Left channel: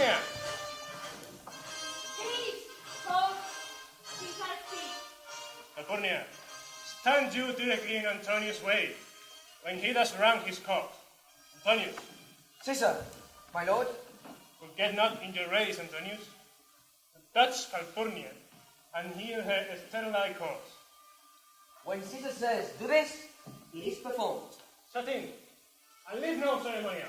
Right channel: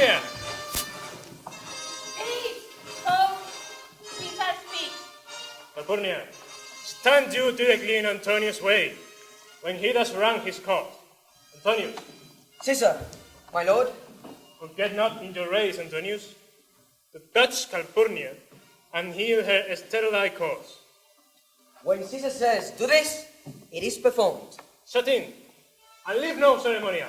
Calpurnia! Please, come. Caesar speaks. Calpurnia, stand you directly in Antonius' way, when he does wrong his court. Antonius. Caesar, my lord. Forget not in your race, Antonius, to touch Calpurnia and heal her sterile cause. When Caesar says, do this, it is performed. Shut in, and leave no ceremonial.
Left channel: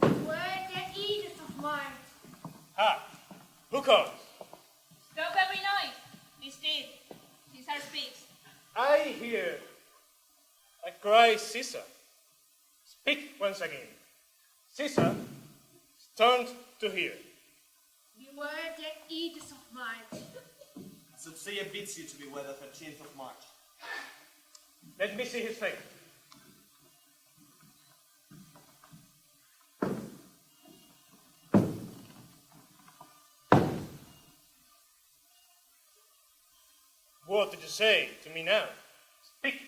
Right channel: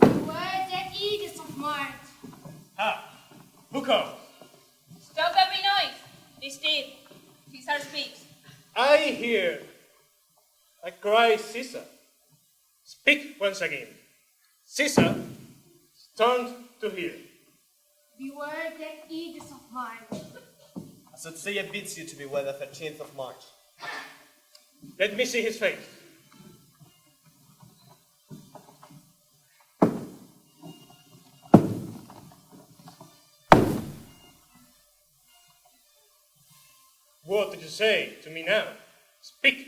Where the Edith of March? Ha! Who comes? Stop every noise. This did. Caesar speaks. I hear. I cry, Caesar. Speak once again. Caesar is turned to hear. Beware the Edith of March. I should say it bids you to beware the 13th of March. Let me see his face. What did you say to me now? Speak.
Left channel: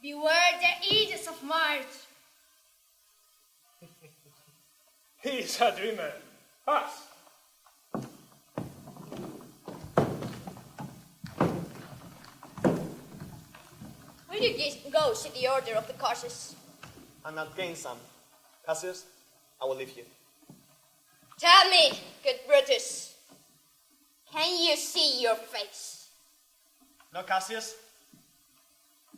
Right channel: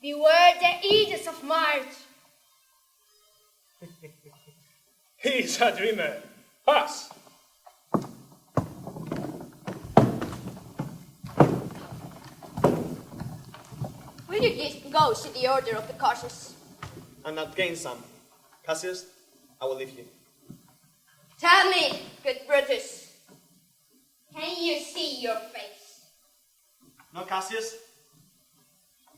Beware the Edith of March. He is a dreamer. Pass. Will you go see the order of the causes? I'm not gain some. Cassius, I will leave you. Tell me, good Brutus, can you see your face? No, Cassius.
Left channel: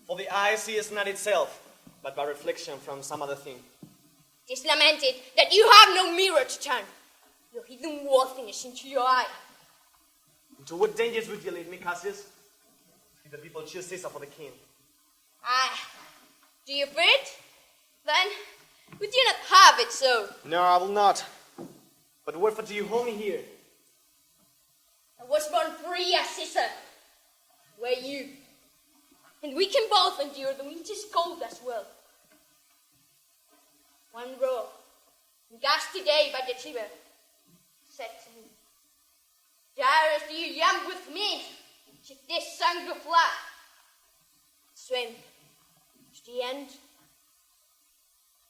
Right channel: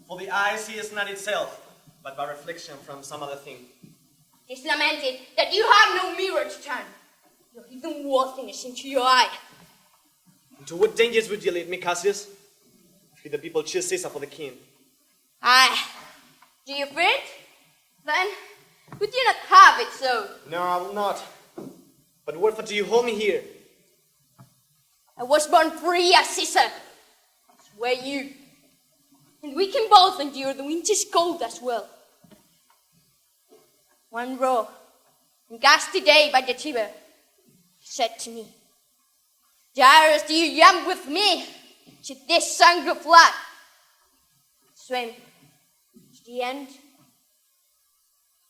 For the eye sees not itself, but by reflection from some other thing. It is lamented that you have no mirror to turn your hidden worthiness into your eye. Into what dangers would you lead me, Cassius? If the people choose Caesar for the king. Aye. Do you fear it? Then would you not have it so? No, I will not. But wherefore do you hold me here? I was born free as Caesar. So were you. And we can both endure the winter's cold as well. One raw and gusty day by the Tiber said to me, Darius, do you jump with me to this song of blood? Swim to the end.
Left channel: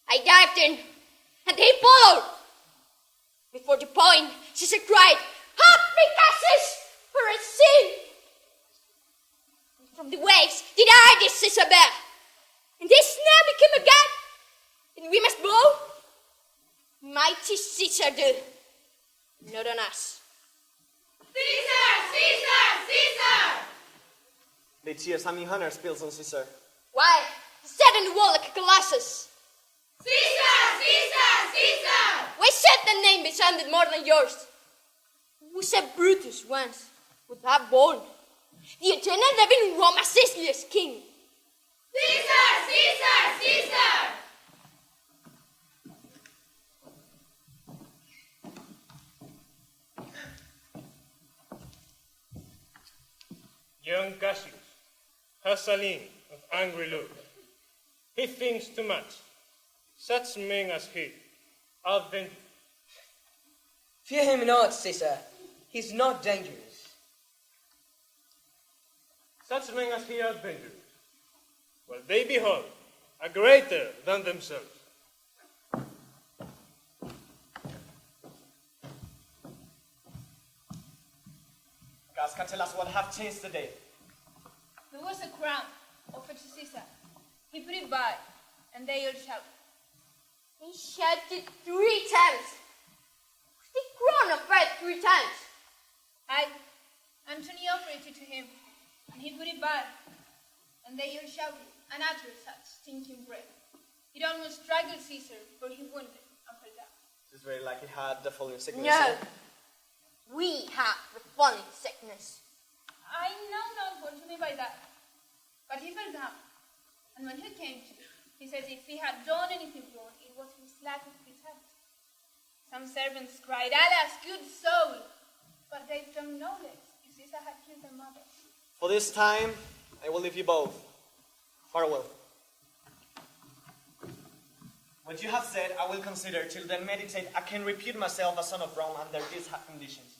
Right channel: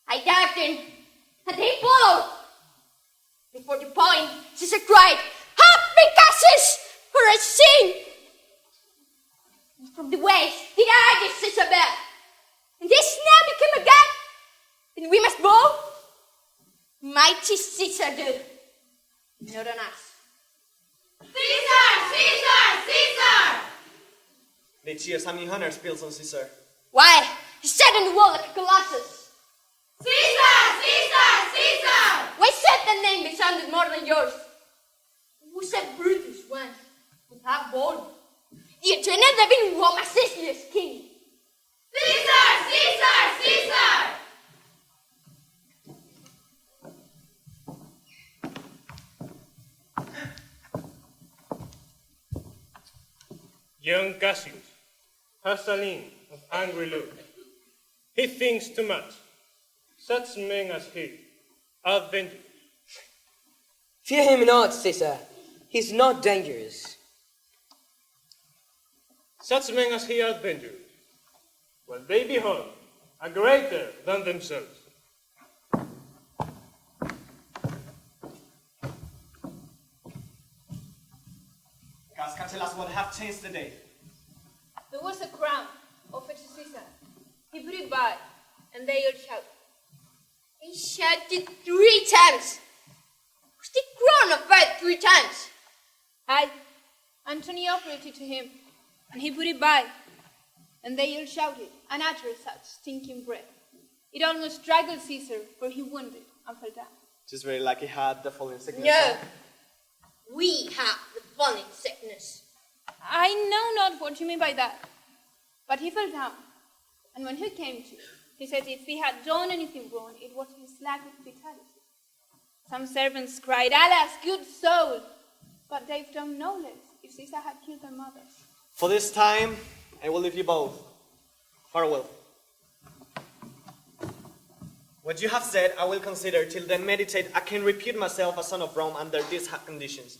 I dived in, and he followed. Before the point, Caesar cried, Happy Cassius, for a sin! And from the waves did I this Caesar bear, and this now became again. Then we must bow. Mighty Caesar do, not on us. Caesar! Caesar! Caesar! They cheer some honor spills on Caesar. Why, he sat on the wall like a colossus. Caesar! Caesar! Caesar! Why said the name be sounded more than yours? We said Brutus once, without born. The agenda that in Rome assisted as king. Caesar! Caesar! Caesar! Young Cassius has a lean of angry look. He thinks too much. Such men as he are dangerous. Fear him not, Caesar. He's not dangerous. Such men as he are dangerous. Well, they behold a greater than themselves. Guys, can tell us what have changed today. There was a crown offered to Caesar. He put it by, and they all shouted. He shouted 3 times. Was the crown offered 3 times? Aye. Antony offered it to him, and he put it by, and they all shouted, and uttered such stinking breath. It almost strangled Caesar, for he wounded and fell down. Just very like he had the falling sickness. No. We have the falling sickness. I know not what you mean by that. But he fell down, and when he came to, he said if he had done anything wrong, it was his lack of vitality. Some servants cried, Alas, good soul! But they've done no less if Caesar had killed their mother. For this time, I will leave you both. Farewell. What you have said, I will consider. Till then, meditate. I can repute myself a son of Rome under these conditions.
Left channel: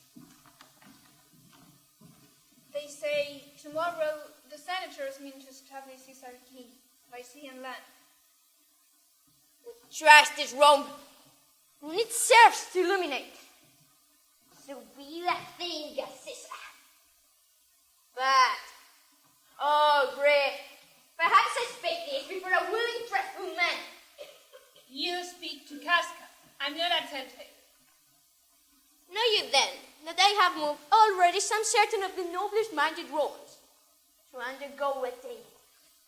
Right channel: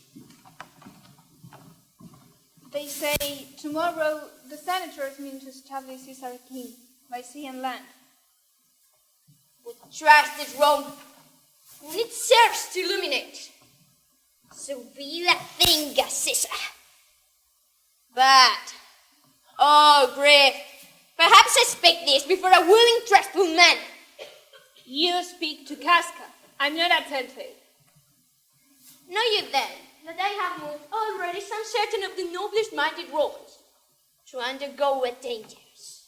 They say tomorrow the senators mean to establish Caesar king by sea and land. We trust this Rome, and it serves to illuminate. So be that thing, Caesar. But, oh, brave, perhaps I speak this before a willing, trustful man. You speak to Casca. I'm not a telltale. Know you then that I have moved already some certain of the noblest minded Romans to undergo a dangers.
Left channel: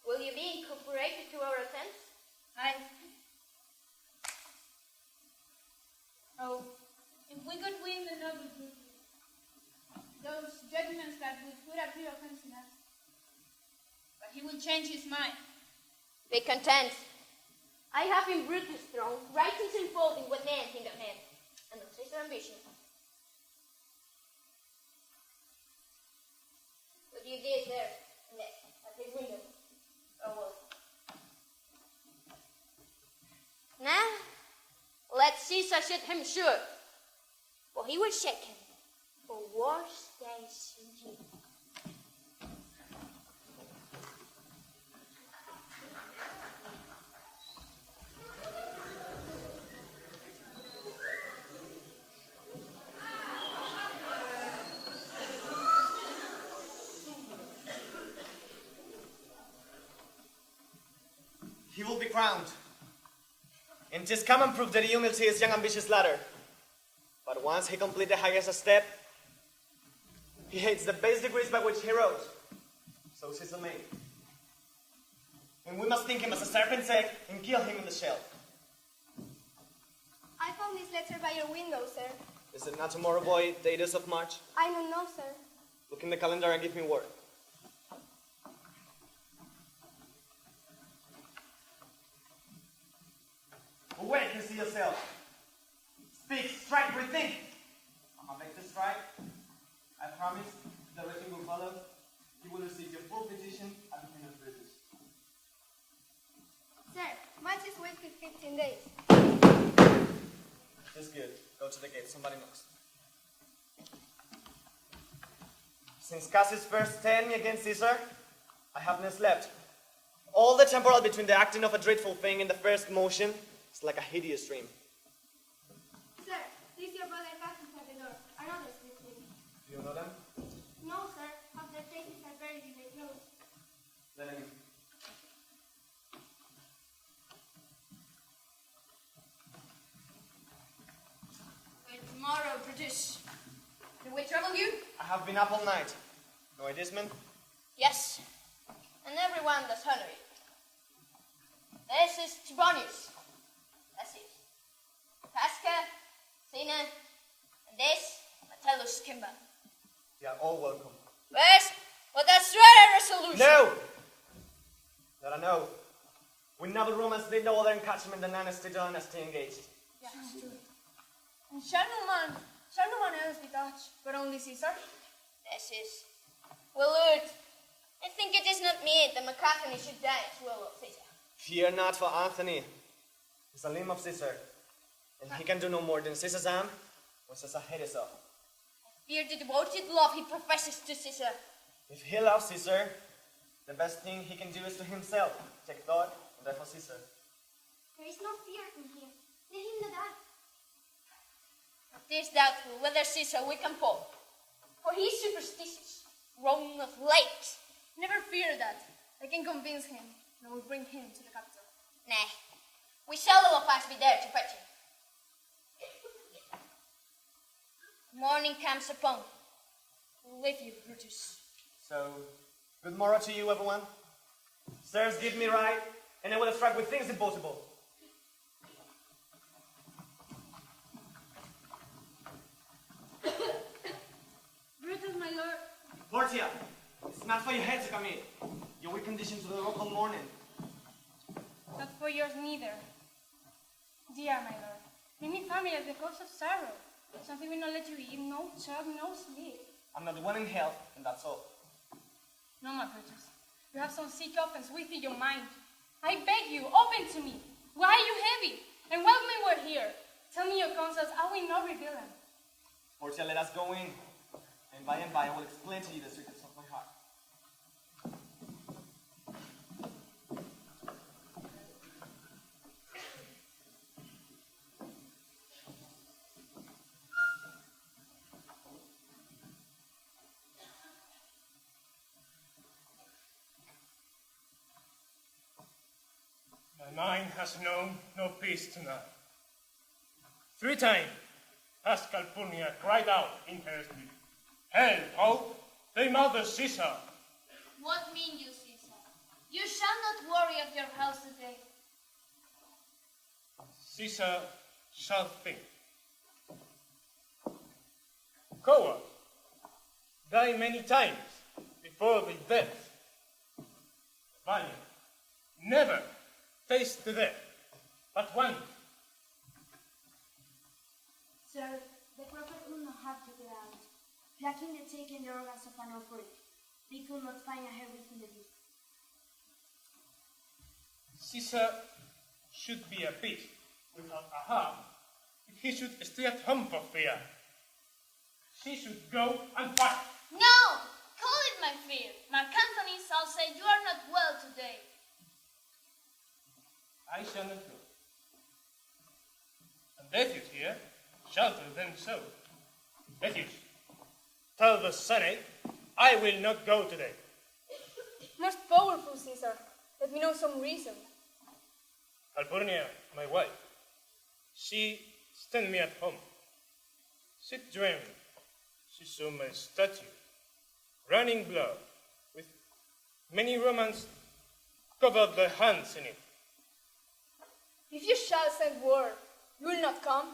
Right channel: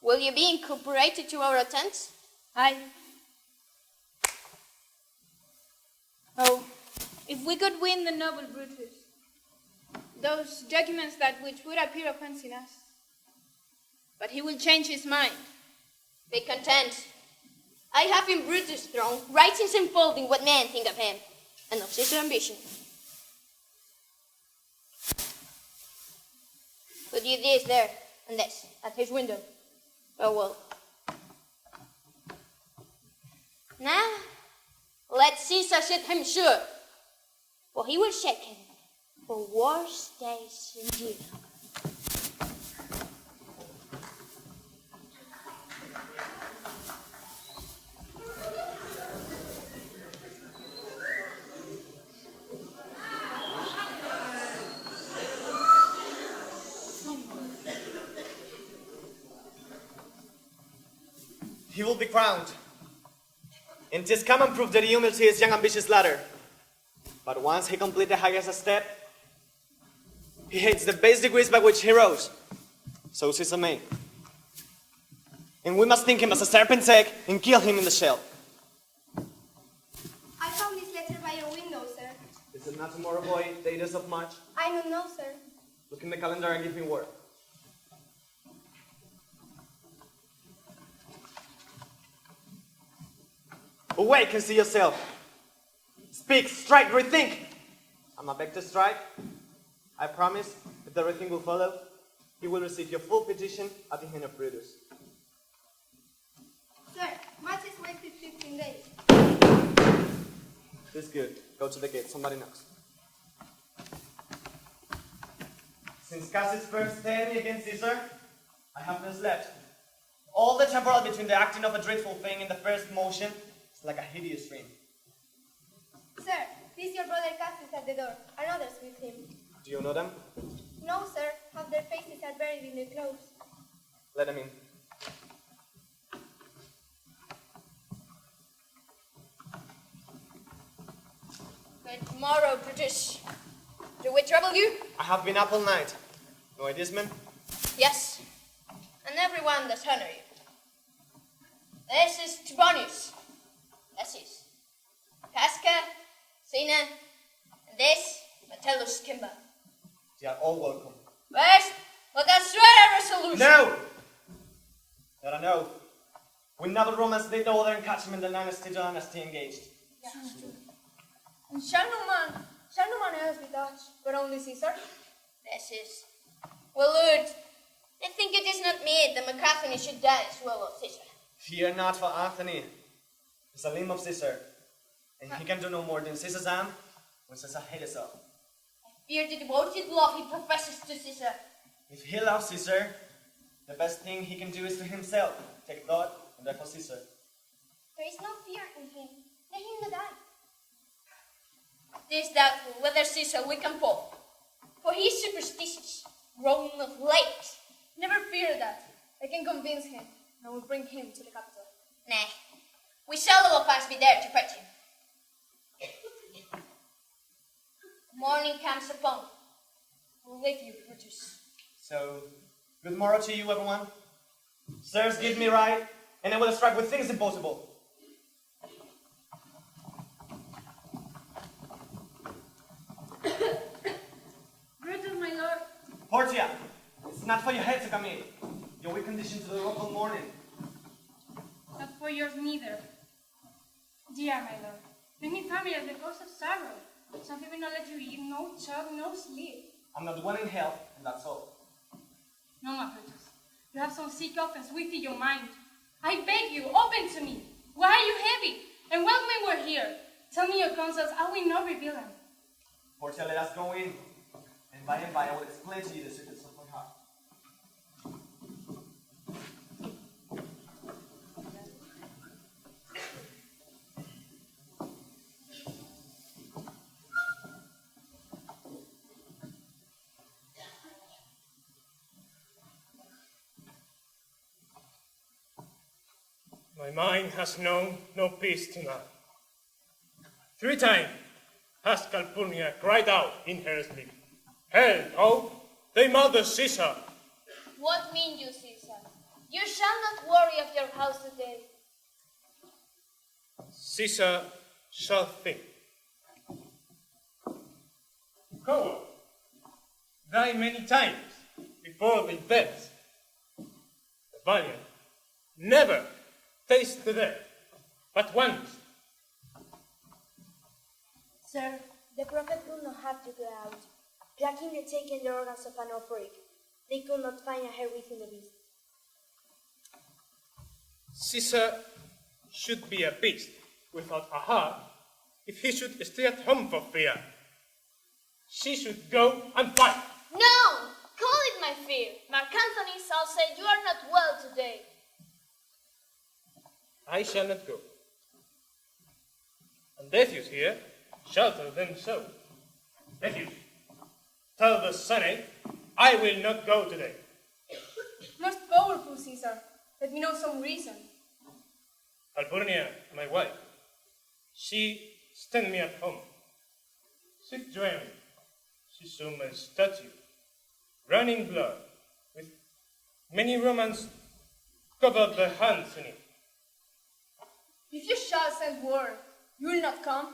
Will you be incorporated to our attempts? Aye. Oh, if we could win the noble Brutus, those documents that which would appear offense in us. But he will change his mind. Be content. I have in Brutus' throne writings unfolding what men think of him and of his ambition. Put you this there and this at his window. Farewell. Now, let Caesar set him sure, for he will shake him for worse days indeed. He will be crowned. And 'tis common proof that humility is young ambitious ladder. But once he complete the highest step, he hates the base degrees by which he rose. So Caesar may. And we must think him as a serpent's egg and kill him in the shell. I found this letter by your window, sir. Is it not tomorrow, boy, the 8th of March? I don't know, sir. Look in the calendar and give me word. Awake and see yourself. Speak, strike, rethink. I'm about to strike. I promise, if the rethink will follow, he will receive your full petition at the hand of Brutus. Sir, much is wasted 15 days. This good. Go to the gate. Somebody knocks. Since Cassius first stared me against Caesar, I have not slept. All the temporal between the acting of a dreadful thing and the first motion is like a hideous dream. Sir, this your brother Cáceres at the door, and others with him. Do you know them? No, sir, half their faces are buried in their clothes. Let them in. But tomorrow, Brutus, do we trouble you? I have been up all night. No ideas, man? Yes, and everyone does honor you. This is Trebonius. This is Casca, Sina, and this, Metellus Kimba. They are all welcome. First, let us swear a resolution. No! Let her know. We noble Romans did the order and catch him in the dynasty engaged. And shall no man else be touched, but only Caesar? This is, well, Lord, I think it is not meet that Macathony should die as well of Caesar. Fear not for Anthony. He's a limb of Caesar, and he can do no more than Caesar's arm when Caesar hates of. Fear the devoted love he professes to Caesar. If he loves Caesar, the best thing he can do is to himself take thought and therefore Caesar. There is no fear in him. Let him die. It is doubtful whether Caesar we can fall, for he is superstitious, grown of late. Never fear that. I can convince him, and I will bring him to the capital. Nay, we shall all of us be there to pet him. Morning comes upon. We'll leave you, Brutus. So, good morrow to you, everyone. Sirs, give me right, and I will strike with things impossible. Brutus, my lord. Portia, it's not for your head to come in. Your weak condition to the local mourning. Not for yours neither. Dear my lord, bring me family as the cause of sorrow. Something will not let you eat, no chop, no sleep. I'm not one in health, and that's all. No, my Brutus. You have some sick offense within your mind. I beg you, open to me. Why are you heavy? And what men were here? Tell me your concerns, I will not reveal them. Portia, let us go in. And by I will explain to you the secrets of my heart. My mind has known no peace tonight. 3 times has Calpurnia cried out in her sleep, "Hell, oh, they murder Caesar!" What mean you, Caesar? You shall not worry of your house today. Caesar shall think. Coward, die many times before the death. The valiant never taste the death, but once. Sir, the prophet would not have to go out. Cracking the taken the organs of an operic, they could not find a hair within the beast. Caesar should be a beast without a heart if he should stay at home for fear. She should go and fight. No! Call it my fear. Mark Antony shall say you are not well today. I shall not go. And Decius here shall tell them so. Decius, tell the Senate I will not go today. Most powerful Caesar, let me know some reason. Calpurnia, my wife, she stand me at home. She dreamed she saw my statue, running blood, with many Romans covered their hands in it. If you shall send word, you will not come.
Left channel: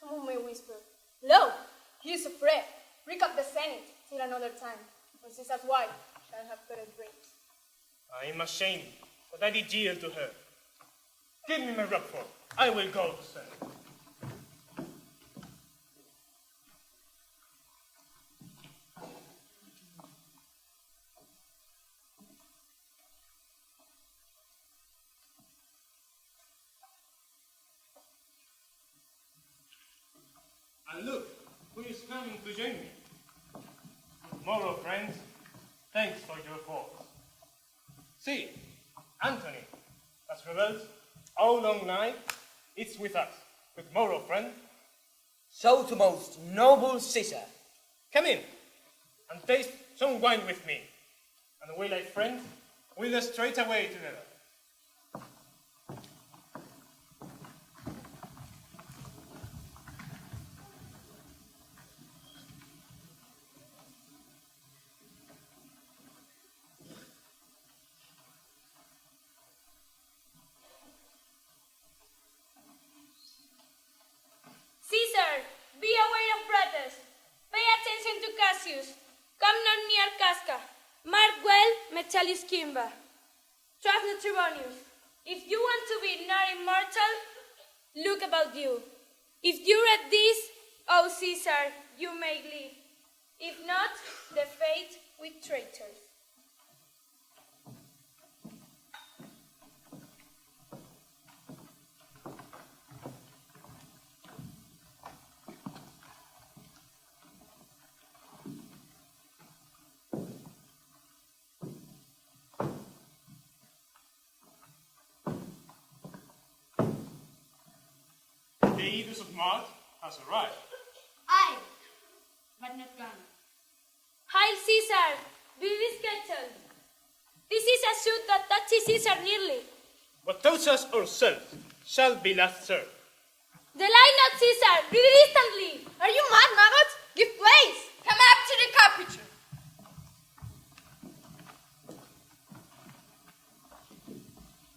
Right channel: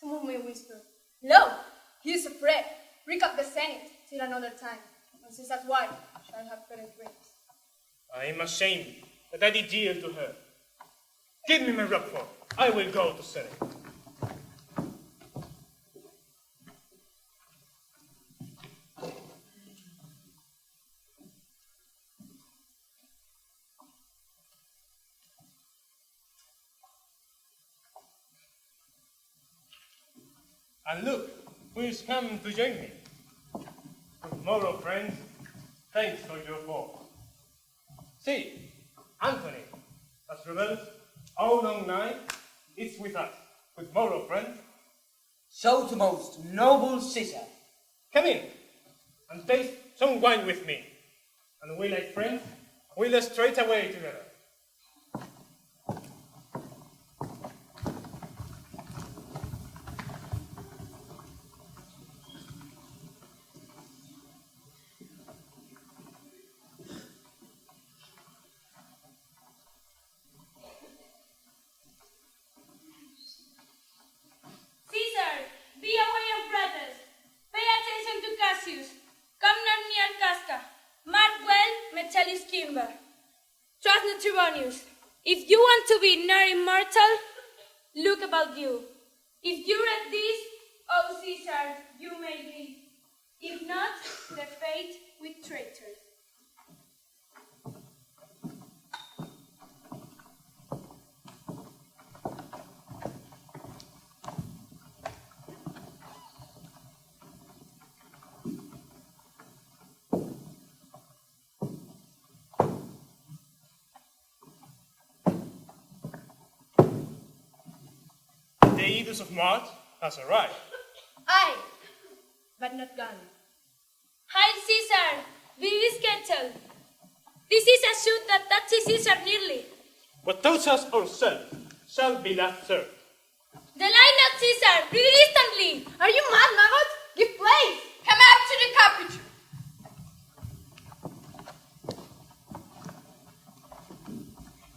Someone may whisper, "Lo, he is afraid. Break up the Senate till another time, when Caesar's wife shall have better drinks." I am ashamed that I did yield to her. Give me my robe, I will go to Senate. And look, who is coming to join me. Tomorrow, friends, thanks for your force. See, Antony, as rebels all long night, is with us. With morrow, friend. So the most noble Caesar. Come in, and taste some wine with me. And we, like friends, will straight away together. Caesar, be aware of brothers. Pay attention to Cassius. Come not near Casca. Mark well Metellus Kimba. Trust not Trebonius. If you want to be not immortal, look about you. If you read this, O Caesar, you may live. If not, the fate with traitors. The Idus of Mars has arrived. Aye, but not gone. Hail Caesar, Vivis Kettle. This is a shoot that touches Caesar nearly. What touches us ourselves shall be last served. The line not Caesar, bring it instantly. Are you mad, maggot? Give place! Come up to the capital!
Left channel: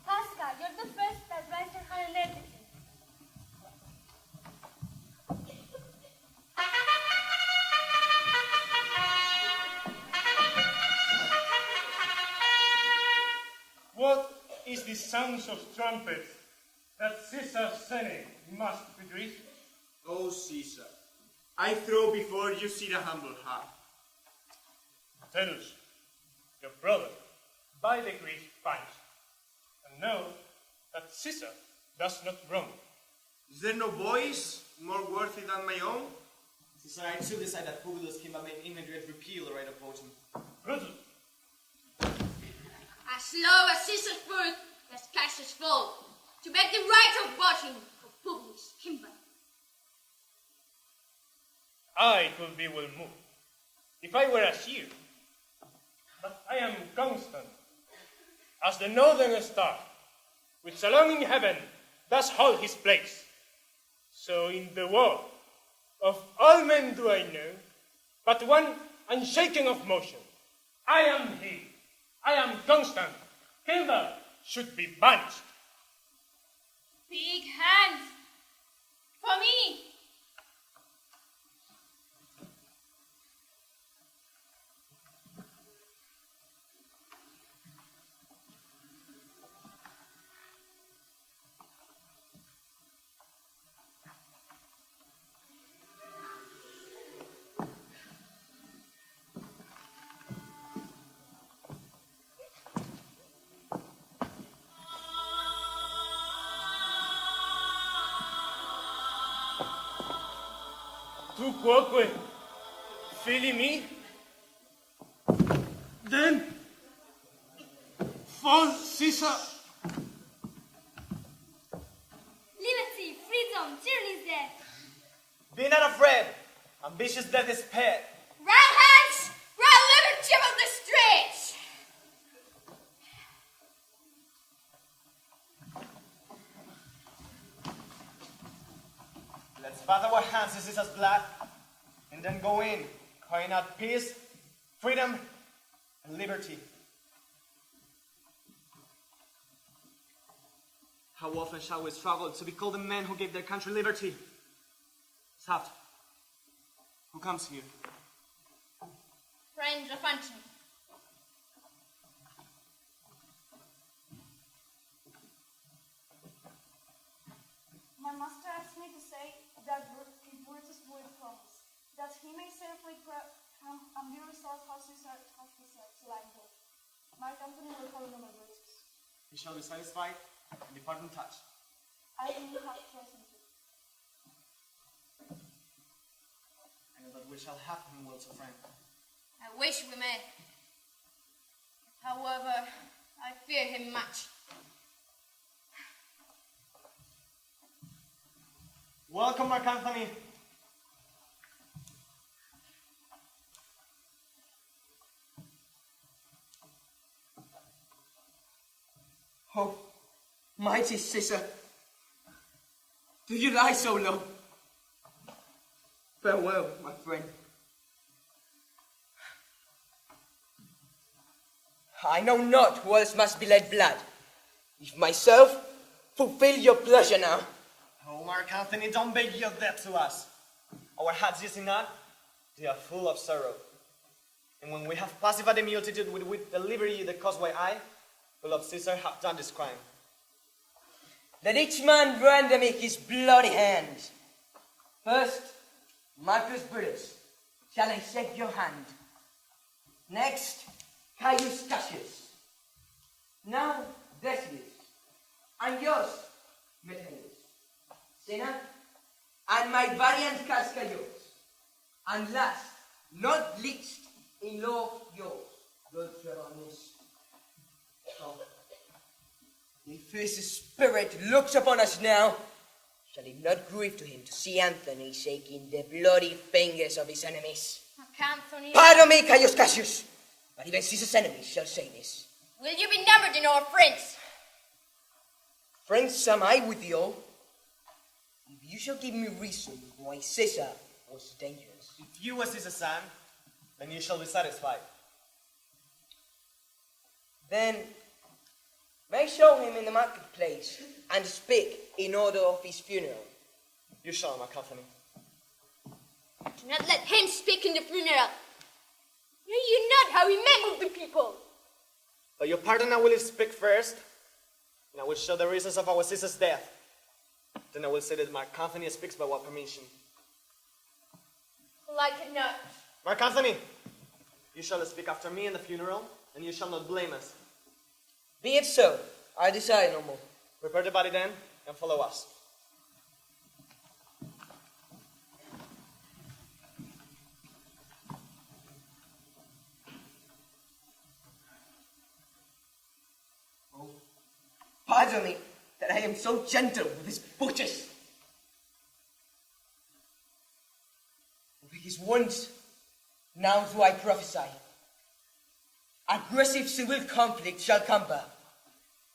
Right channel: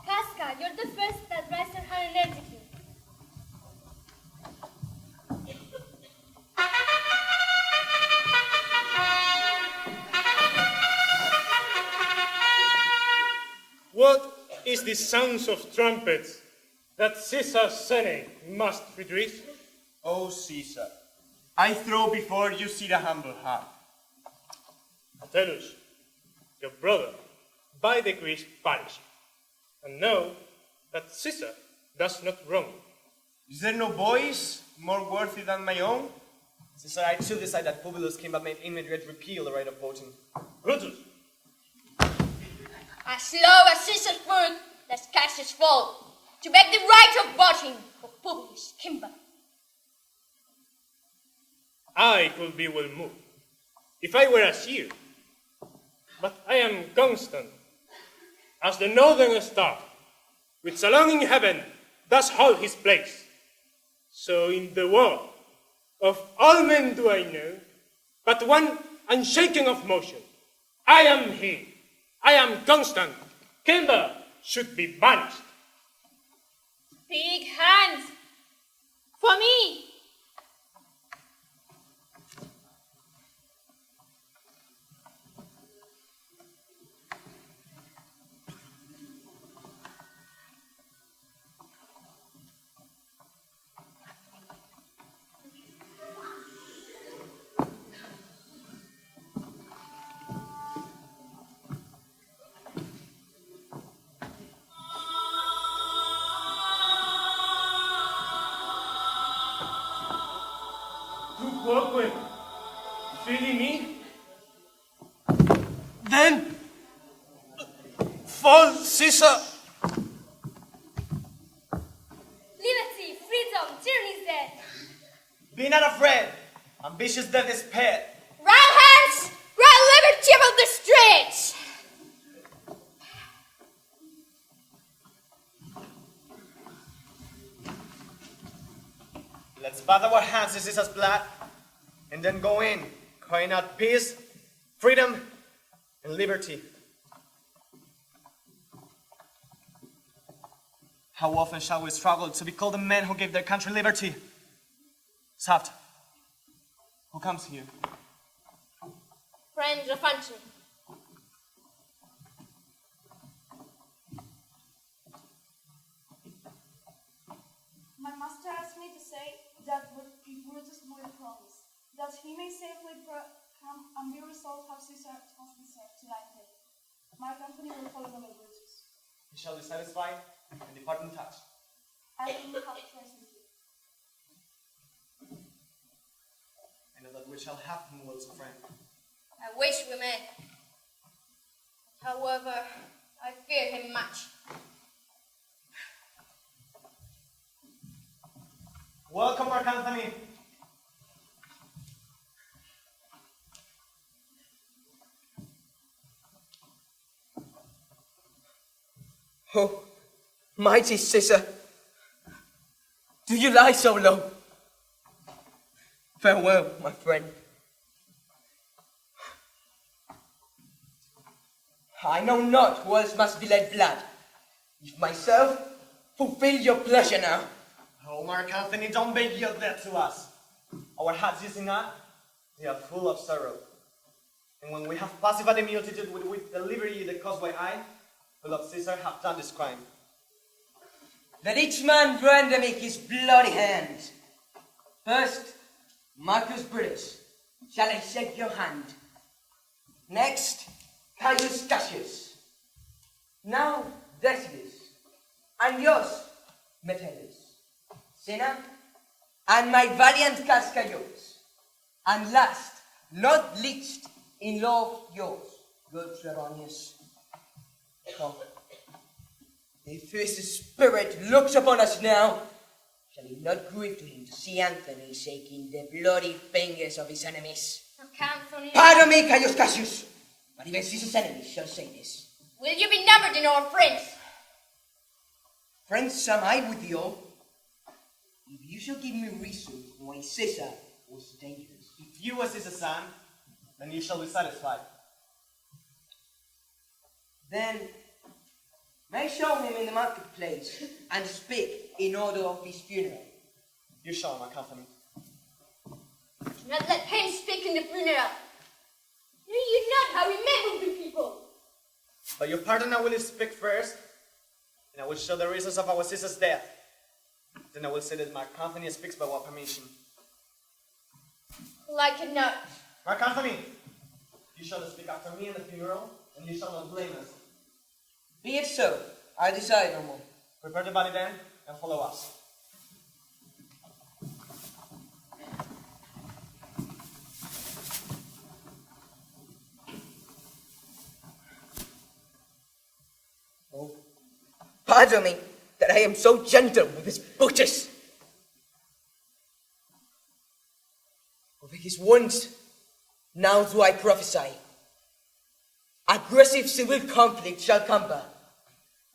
Casca, you're the first that raised your hand energetically. What is the sounds of trumpets that Caesar's Senate must redress? O Caesar, I throw before you see the humble heart. Metellus, your brother, by degrees perished. And know that Caesar That's not wrong. Is there no voice more worthy than my own? Caesar, I too decide that Publius came but made immediate repeal the right of voting. Brutus, As long as Caesar's foot, does Cassius fall, to beg the right of voting for Publius Kimber. I could be well moved if I were a seer. But I am constant, as the northern star, which alone in heaven does hold his place. So in the world, of all men do I know, but one unshaken of motion. I am he. I am constant. Kimber should be banished. Big hands. For me. Feeling me? Then, fall, Caesar. Liberty, freedom, tyranny is dead. Be not afraid. Ambitious death is paid. Round hands, round liberty about the streets. Let's bathe our hands in Caesar's blood, and then go in, crying out peace, freedom, and liberty. How often shall we struggle to be called the men who gave their country liberty? Saft, who comes here? Friends of Antony. My master asked me to say that if Brutus will promise, that he may safely come and be resolved how Caesar has deserved to lie dead. Mark Antony will follow over Brutus. He shall be satisfied and depart untouched. I will have presently. I know that we shall have him words of friend. I wish we may. However, I fear him much. Welcome, Mark Antony. Oh, mighty Caesar, do you lie so low? Farewell, my friend. I know not who else must be let blood. If myself fulfill your pleasure now. Oh, Mark Antony, don't beg your death to us. Our hearts, is not, they are full of sorrow. And when we have pacified the multitude with the liberty that caused by I, beloved Caesar, have done this crime. Let each man render me his bloody hands. First, Marcus Brutus, shall I shake your hand. Next, Caius Cassius. Now, Decius, and yours, Metellus. Senna, and my valiant Cascayos. And last, not least, in love yours, good Trebonius. Come. If his spirit looks upon us now, shall it not grieve to him to see Antony shaking the bloody fingers of his enemies? Anthony, Pardon me, Caius Cassius, but even Caesar's enemies shall say this. will you be numbered in our friends? Friends am I with thee all, if you shall give me reason why Caesar was dangerous. If you were Caesar's son, then you shall be satisfied. Then may show him in the marketplace and speak in order of his funeral. You shall, Mark Antony. Do not let him speak in the funeral. Know you not how he met with the people? By your pardon, I will speak first, and I will show the reasons of our Caesar's death. Then I will say that Mark Antony speaks by our permission. Like it not. Mark Antony, you shall speak after me in the funeral, and you shall not blame us. Be it so, I desire no more. Prepare the body then, and follow us. Oh, pardon me that I am so gentle with his butchers. Over his wounds, now do I prophesy. Aggressive civil conflict shall cumber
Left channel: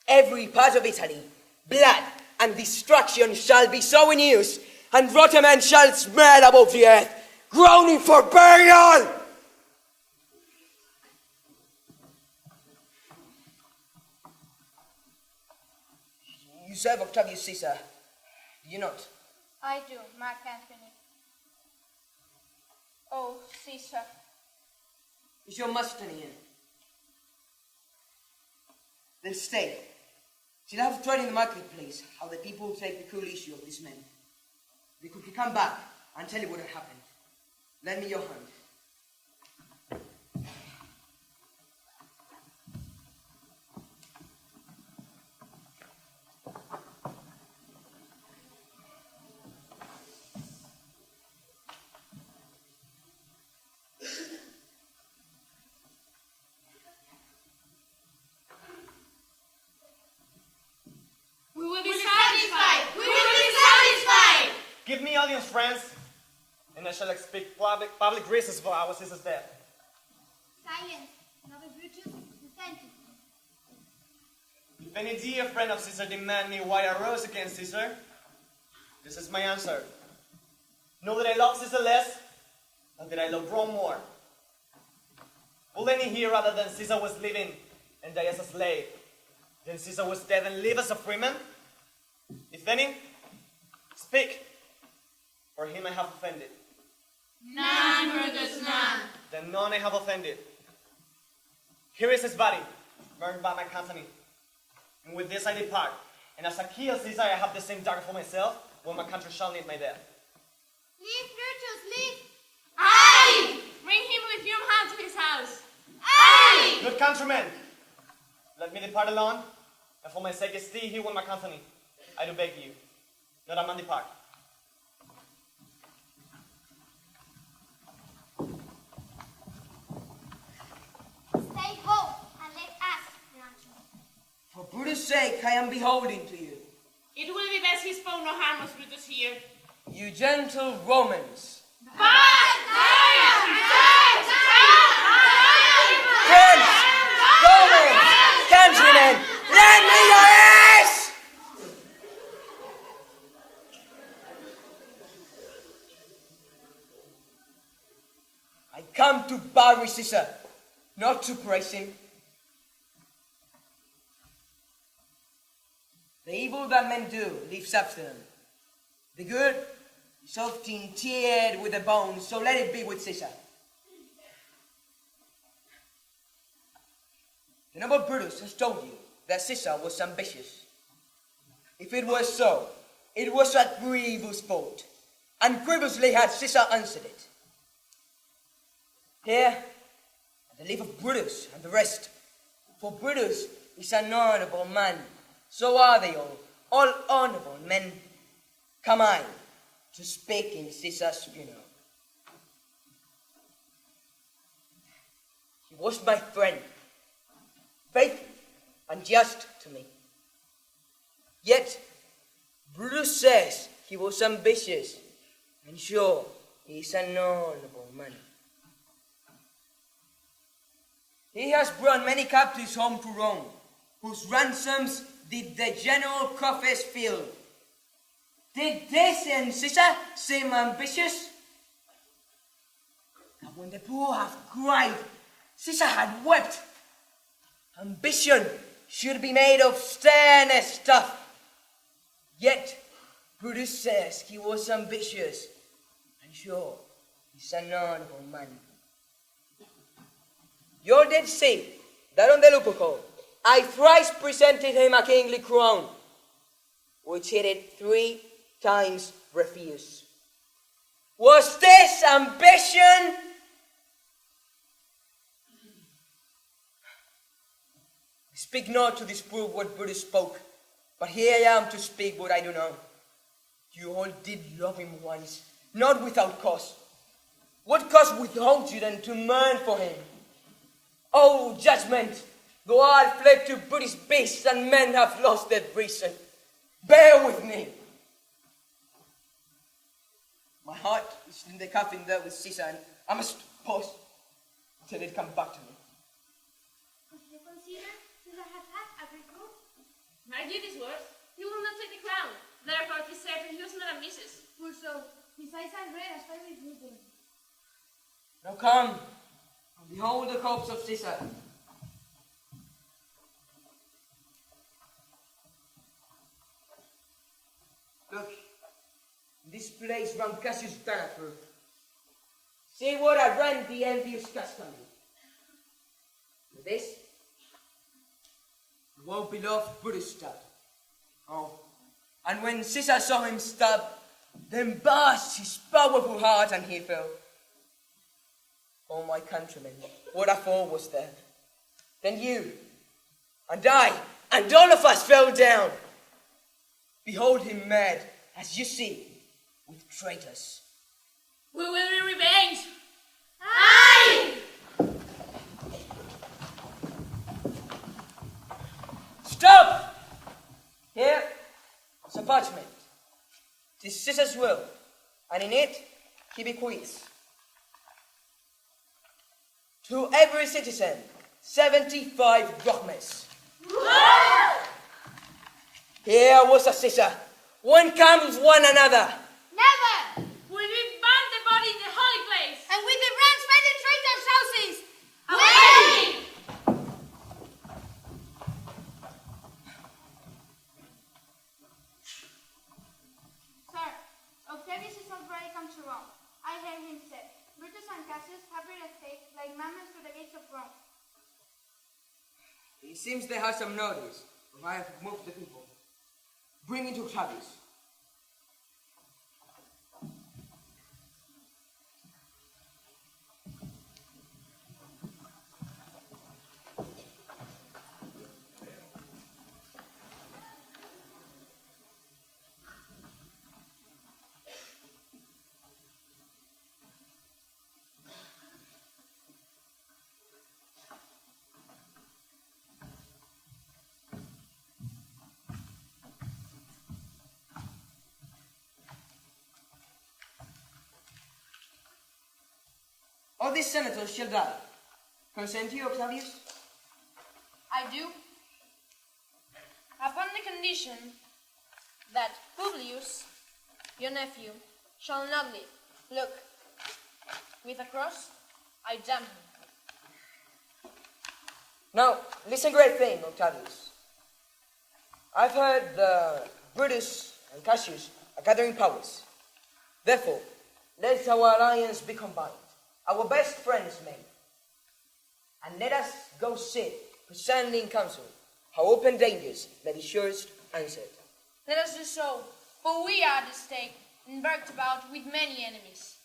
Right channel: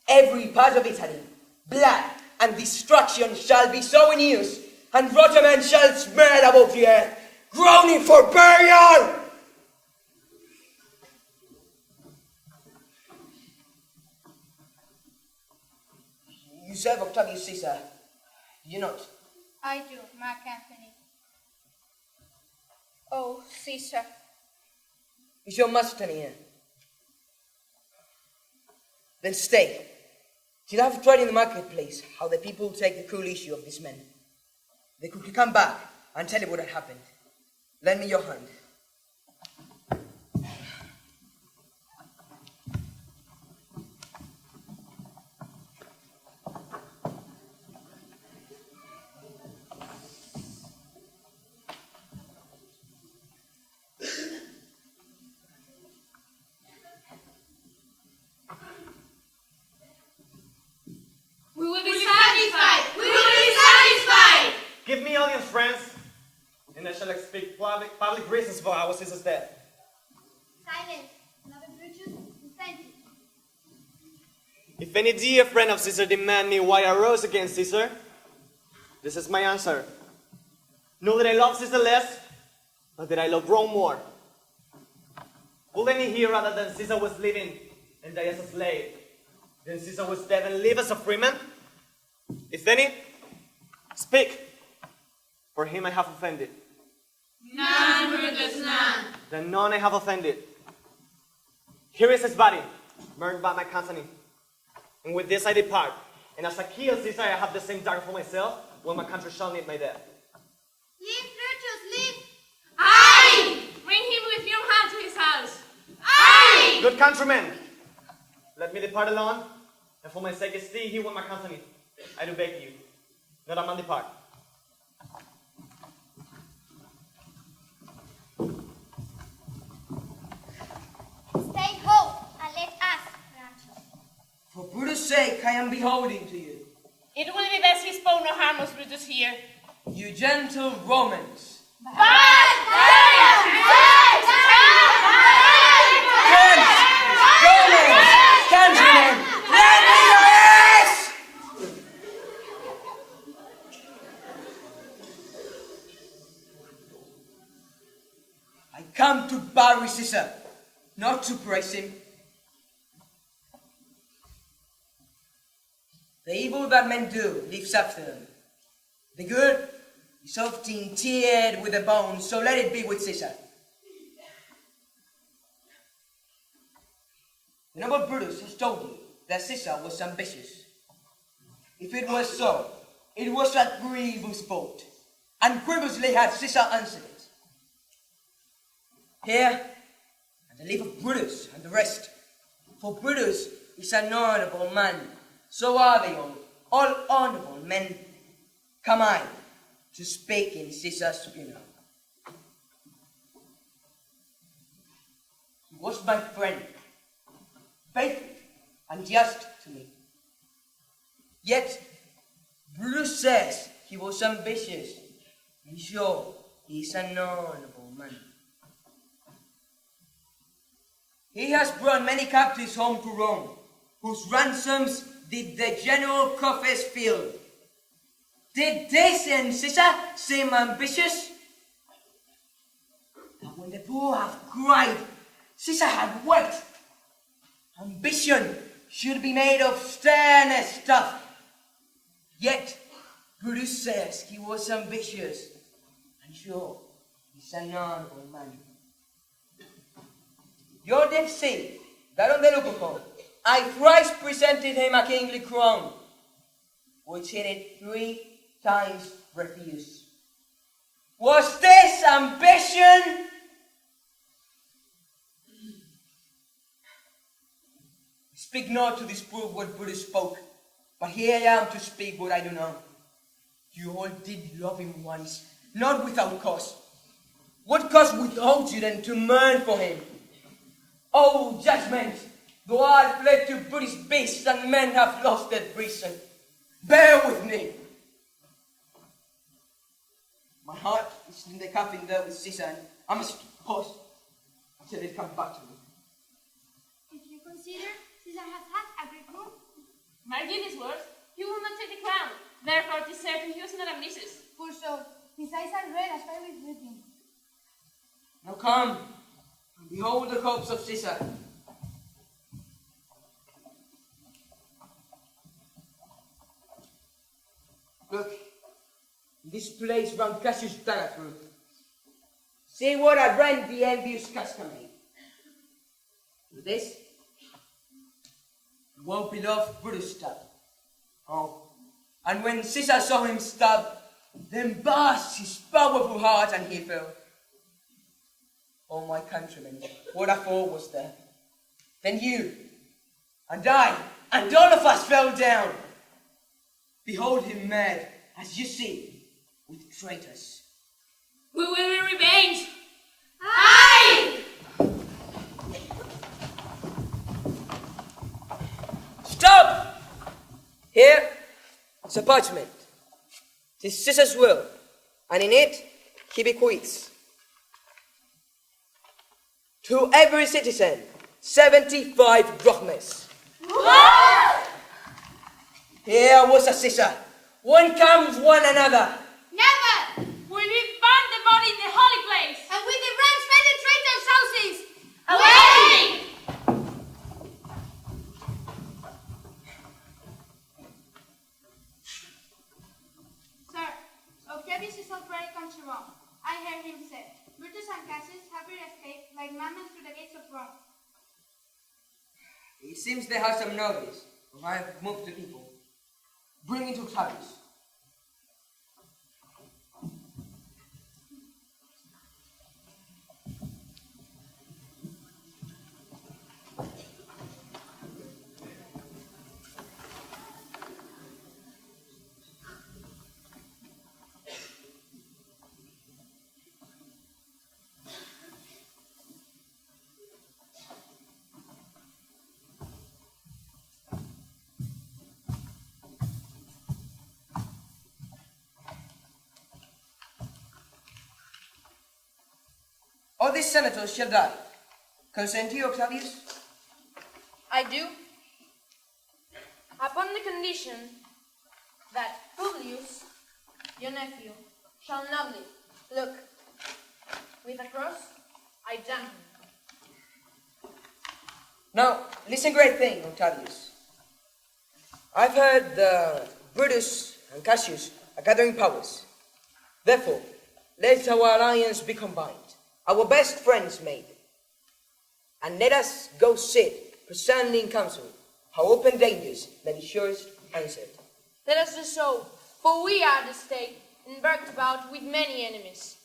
every part of Italy. Blood and destruction shall be so in use, and rotten men shall spread above the earth, groaning for burial. You serve Octavius Caesar, do you not? I do, Mark Antony. Oh, Caesar. Is your master here? Then stay, till I have tried in the marketplace how the people take the cruel issue of these men. They could come back and tell you what had happened. Lend me your hand. We will be satisfied. We will be satisfied. Give me audience, friends, and I shall speak public reasons for our Caesar's death. Silence. Another Brutus, and thank you. If any dear friend of Caesar demand me why I rose against Caesar, this is my answer. Know that I love Caesar less, but that I love Rome more. Would any here rather than Caesar was living and die as a slave, than Caesar was dead and live as a freeman? If any, speak. For him I have offended. None, Brutus, none. Then none I have offended. Here is his body, burned by my company. And with this I depart. And as a key of Caesar, I have the same dagger for myself, when my country shall need my death. Leave, Brutus, leave. Aye! Bring him with your hand to his house. Aye! Good countrymen, let me depart alone, and for my sake stay here with my company. I do beg you, let a man depart. Stay home and let us grant you. For Brutus' sake, I am beholden to you. It will be best he spoke no harm of Brutus here. You gentle Romans. Friends, Romans, countrymen, lend me your ears! I come to bury Caesar, not to praise him. The evil that men do lives after them. The good is often tiered with the bones, so let it be with Caesar. The noble Brutus has told you that Caesar was ambitious. If it was so, it was a grievous fault, and grievously had Caesar answered it. Here, at the leave of Brutus and the rest, for Brutus is an honorable man, so are they all honorable men. Come I to speak in Caesar's funeral. He was my friend, faithful and just to me. Yet, Brutus says he was ambitious, and sure, he is an honorable man. He has brought many captives home to Rome, whose ransoms did the general coffers fill. Did this and Caesar seem ambitious? That when the poor have cried, Caesar had wept. Ambition should be made of sternest stuff. Yet, Brutus says he was ambitious, and sure, he's an honorable man. You did see that on the Lupercal, I thrice presented him a kingly crown, which he did 3 times refuse. Was this ambition? Speak not to disprove what Brutus spoke. But here I am to speak what I do know. You all did love him once, not without cause. What cause withholds you then to mourn for him? Oh, judgment! Though I fled to British beasts and men have lost their reason, bear with me. My heart is in the coffin there with Caesar, and I must pause until it comes back to me. If you consider Caesar has had a great rule, Marking his words, he will not take the crown. Therefore, it is certain he was not ambitious. poor soul, his eyes are red as fire with weeping. Now come, and behold the corpse of Caesar. Look, this place round Cassius Dana through. See what a rent the envious Casca made. With this, well-beloved Brutus stabbed. Oh, and when Caesar saw him stabbed, then burst his powerful heart and he fell. Oh, my countrymen, what a fall was there. Then you, and I, and all of us fell down. Behold him mad, as you see, with traitors. We will be revenged. Aye! Stop! Here is a parchment. 'Tis Caesar's will, and in it he bequeaths to every citizen 75 drachmas. What? Here was a Caesar. One comes one another. Never! Will we burn the body in the holy place? And with the brands penetrate their houses! Away! Sir, Octavius is already come to Rome. I heard him say, Brutus and Cassius have been escaped like madmen through the gates of Rome. It seems they have some notice, if I have moved the people. Bring it to Octavius. All these senators shall die. Consent you, Octavius? I do. Upon the condition that Publius, your nephew, shall not live. Look, with a cross, I damn him. Now, listen great thing, Octavius. I've heard that Brutus and Cassius are gathering powers. Therefore, let our alliance be combined, our best friends made. And let us go sit, present in council, how open dangers that is surest answered. Let us do so, for we are at the stake, embarked about with many enemies.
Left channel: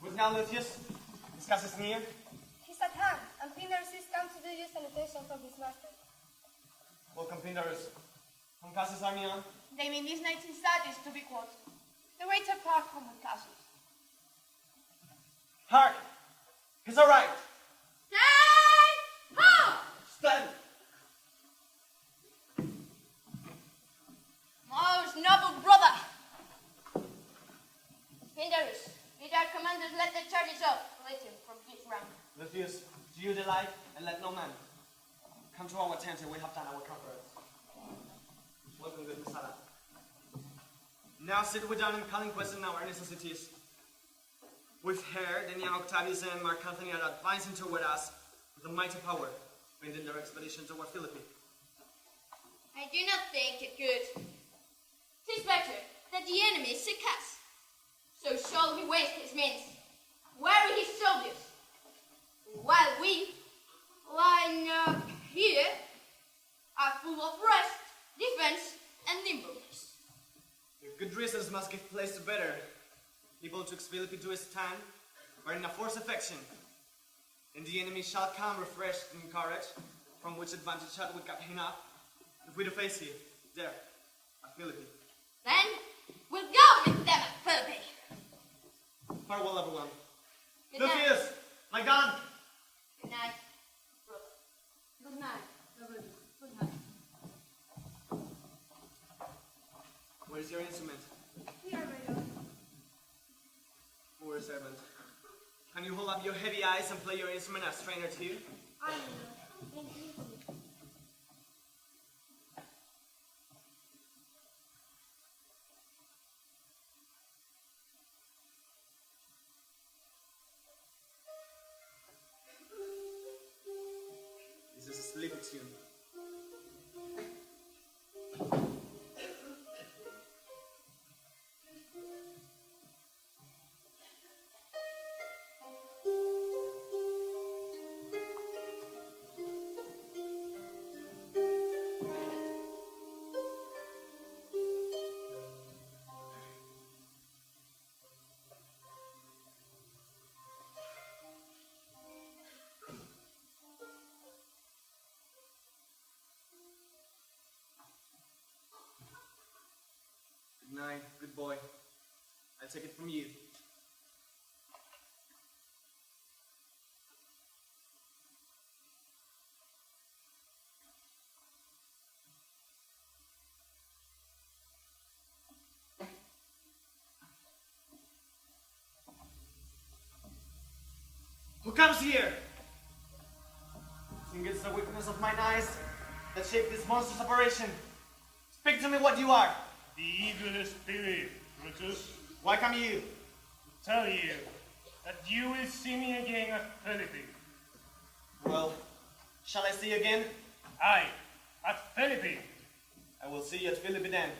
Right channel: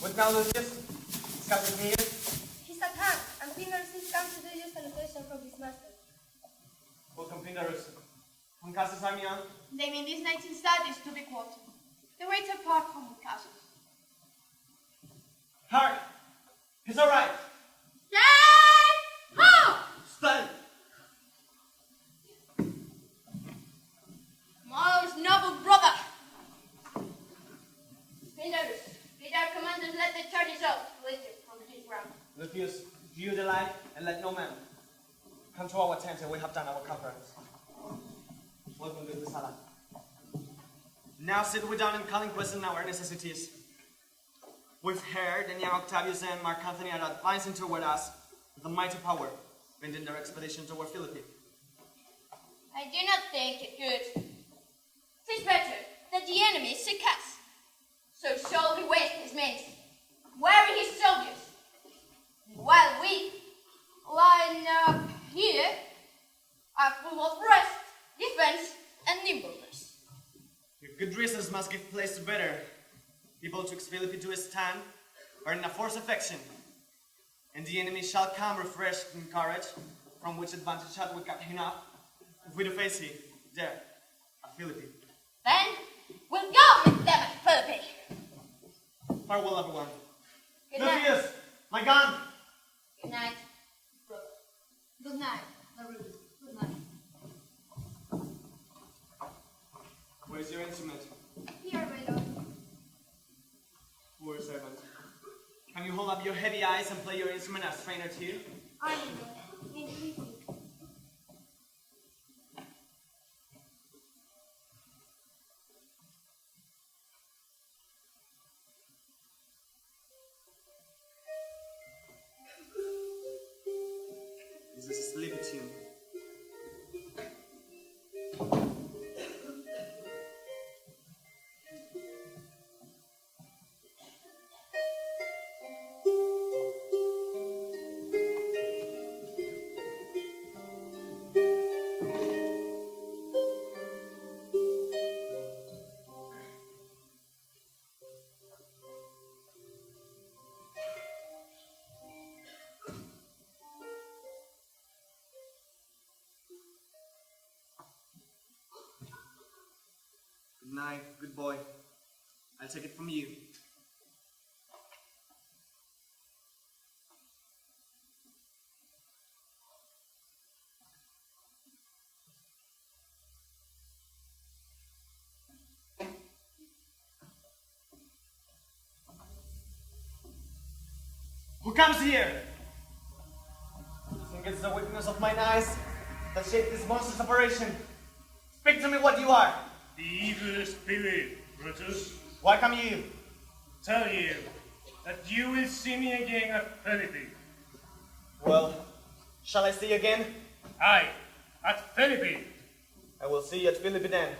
What now, Lucius? Is Cassius near? He's at hand, and Pinarus is come to do you salutation from his master. Welcome, Pinarus. When Cassius Amion? They mean this night's studies to be quoted. The waits apart from the Cassius. Hark! He's all right. Stand! Ho! Stand! Most noble brother! Pindarus, bid our commanders let the charges out, later from his ground. Lucius, do you delight and let no man come to our tent and we have done our conference. Welcome, good Misala. Now sit we down and call in question our necessities. We've heard that young Octavius and Mark Anthony are advancing toward us with a mighty power, bending their expedition toward Philippi. I do not think it good. 'Tis better that the enemy seek us. So shall he waste his men, weary his soldiers, while we, lying up here, are full of rest, defense, and nimbleness. Your good reasons must give place to better. People took Philippi to stand, or in a force affection, and the enemy shall come refreshed in courage, from which advantage had we cut him up, if we do face him, there, at Philippi. Then we'll go with them at Philippi. Farewell, everyone. Good night. Lucius, my gun! Good night, brother. Good night, Naruto. Good night. Where is your instrument? Here, my lord. Poor servant. Can you hold up your heavy eyes and play your instrument as trainer too? I, my lord. May it please you. This is a sleepy tune. Good night, good boy. I'll take it from you. Who comes here? I think it's the weakness of mine eyes that shaped this monstrous operation. Speak to me what you are. The evil spirit, Brutus. Why come you? Tell you that you will see me again at Philippi. Well, shall I see you again? Aye, at Philippi. I will see you at Philippi then.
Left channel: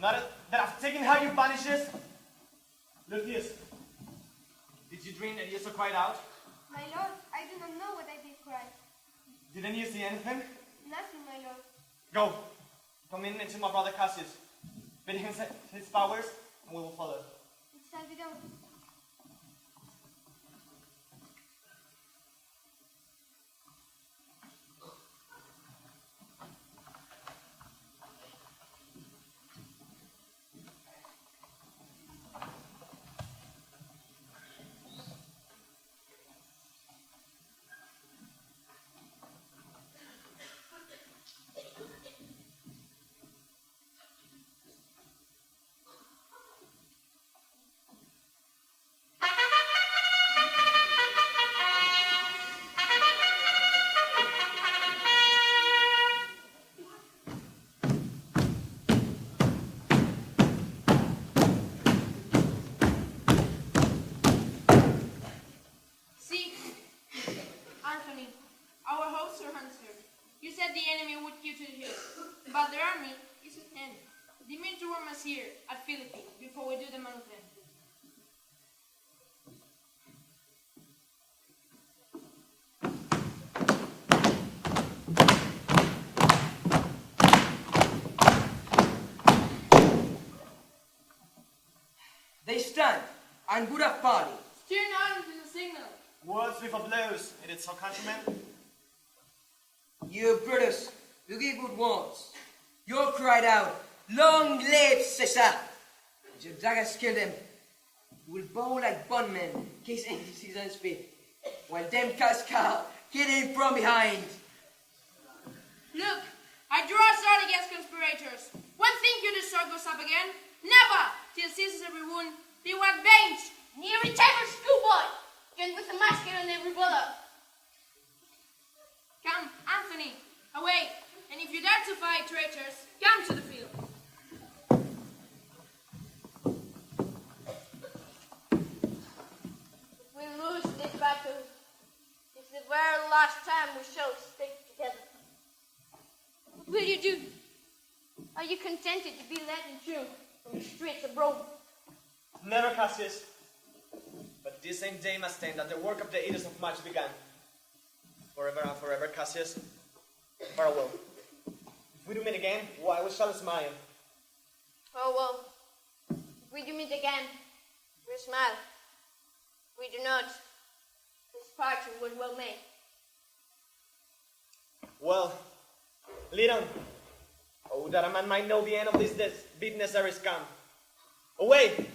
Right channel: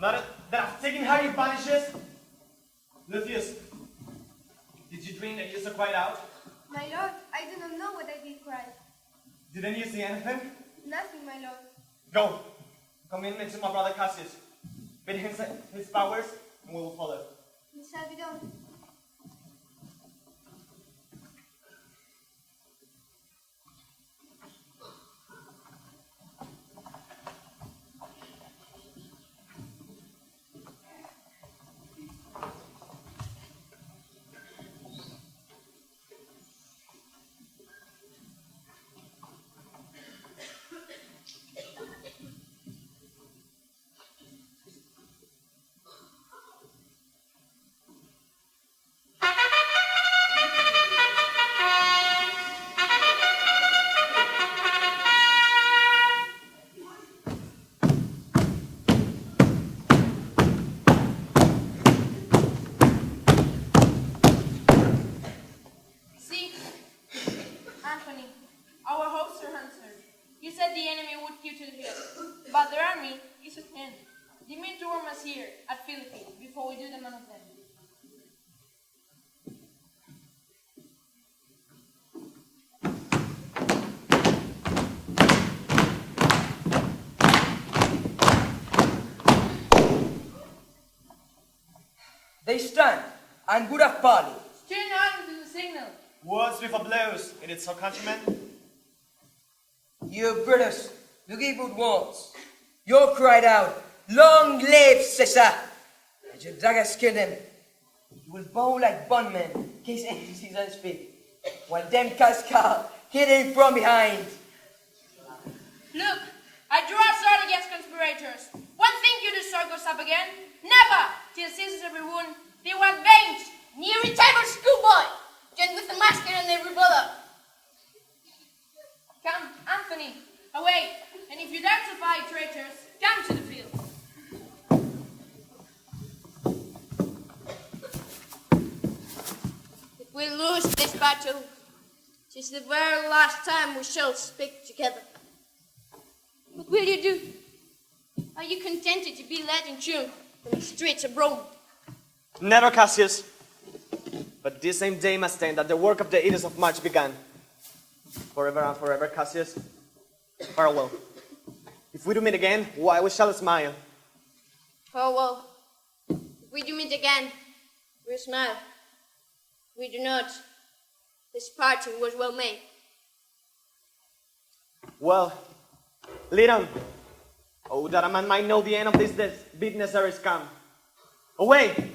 Now that I've taken how you banishes, Lucius, did you dream that you so cried out? My lord, I do not know what I did cry. Didn't you see anything? Nothing, my lord. Go. Come in to my brother Cassius. Bid him his powers, and we will follow. It shall be done. See, Anthony, our hopes are answered. You said the enemy would keep to the hill, but their army is at hand. They mean to warm us here at Philippi before we do them on them. They stand, and would have parley. Steer on to the signal. Words with a blows, it is so countrymen. You brothers, you give good words. You cried out, "Long live Caesar!" And your daggers kill them. You will bow like bondmen, in case any seasons speak, while them cascal hit him from behind. Look, I draw a sword against conspirators. When think you the sword goes up again? Never! Till ceases every wound, they want veins. Near retired schoolboy, joined with the masker on every brother. Come, Anthony, away. And if you dare to fight traitors, come to the field. If we lose this battle, 'tis the very last time we shall speak together. What will you do? Are you contented to be led in tune from the streets of Rome? Never, Cassius. But this same day must end that the work of the Edicts of March began. Forever and forever, Cassius. Farewell. If we do meet again, why we shall smile. Farewell. If we do meet again, we'll smile. If we do not, this parting was well made. Well, lead on. Oh, that a man might know the end of this business ere is come. Away!